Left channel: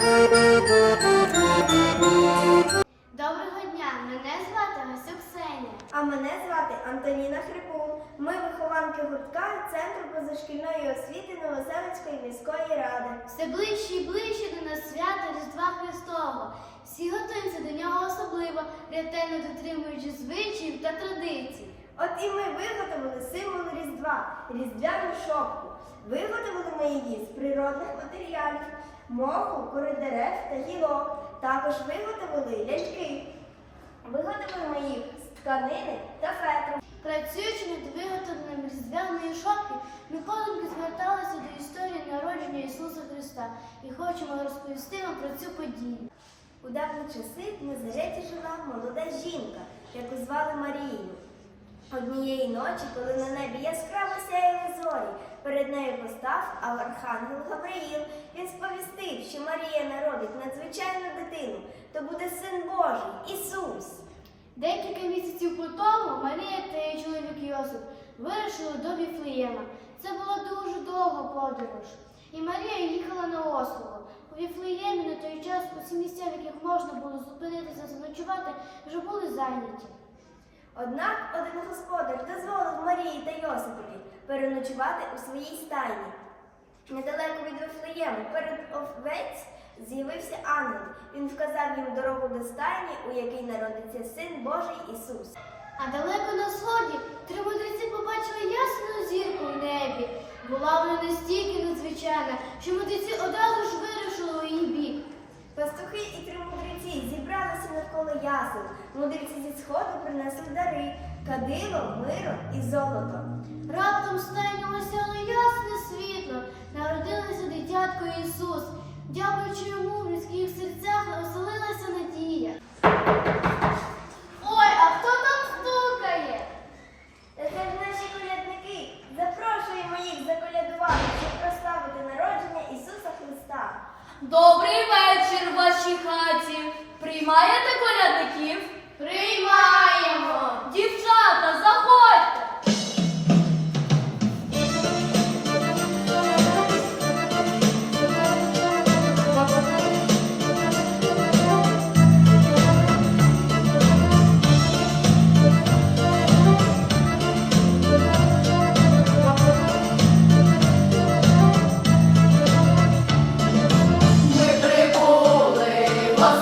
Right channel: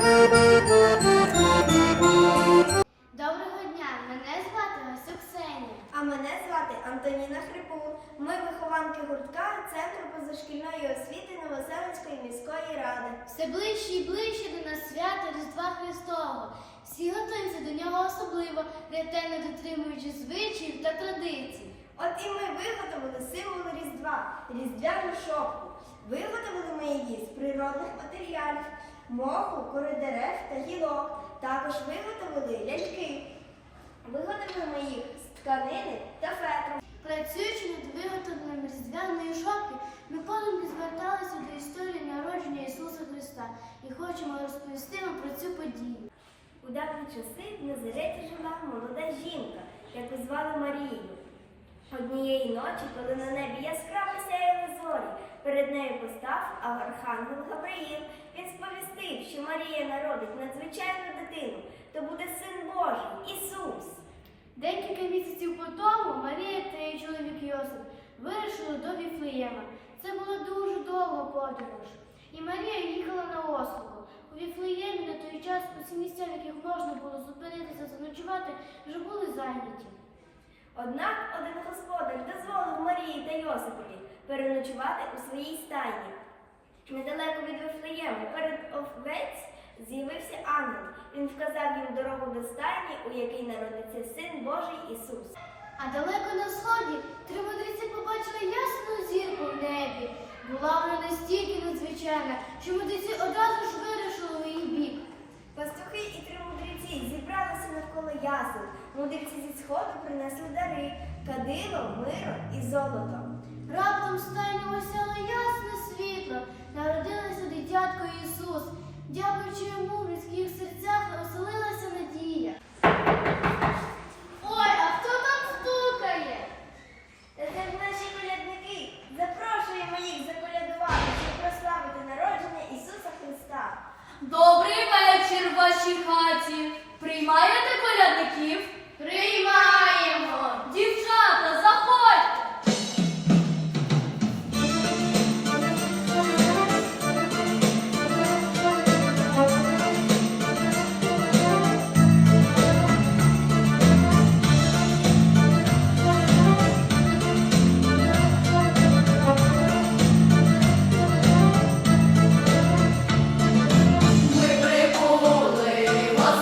Доброго дня, мене звати Гасюк Сеня. А мене звати Антоніна Хрипул. Ми вихованки гуртка Центру позашкільної освіти Новоселицької міської ради. Все ближче і ближче до нас свята Різдва Христового. Всі готуються до нього особливо, ретельно дотримуючи звичаїв та традицій. От і ми виготовили символ Різдва, різдвяну шопку. Виготовили ми її з природних матеріалів моху, кори дерев та гілок. Також виготовили ляльки. Виготовили ми їх з тканини та фетру. Працюючи над виготовленням різдвяної шопки, Миколенки зверталися до історії народження Ісуса Христа і хочемо розповісти вам про цю подію. У давні часи в Назареті жила молода жінка, яку звали Марією. Однієї ночі, коли на небі яскраво сяяли зорі, перед нею постав архангел Гавриїл. Він сповістив, що Марія народить надзвичайну дитину, то буде син Божий, Ісус. Декілька місяців по тому Марія та її чоловік Йосип вирушили до Віфлеєма. Це була дуже довга подорож. І Марія їхала на ослово. У Віфлеємі на той час усі місця, в яких можна було зупинитися заночувати, вже були зайняті. Однак один господар дозволив Марії та Йосипові переночувати у своїй стайні. Недалеко від Вифлеєму перед овець з'явився ангел. Він вказав їм дорогу до стайні, у якій народиться син Божий Ісус. А далеко на сході три мудреці побачили ясну зірку в небі. Була вона настільки надзвичайна, що мудреці одразу ж вирушили її бік. ясен. Ну, Мудреці зі сходу принесли дари кадиво, миро і золото. Раптом стайнього сяло ясне світло, народилося дитятко Ісус. Дякуючи йому в людських серцях оселилася надія. Ой, а хто там стукає? Це наші колядники. Запрошуємо їх заколядувати, щоб прославити народження Ісуса Христа. Добрий вечір, ваші хаті. Приймаєте порядників, Приймаємо! Дівчата, заходьте! Ми прибули вас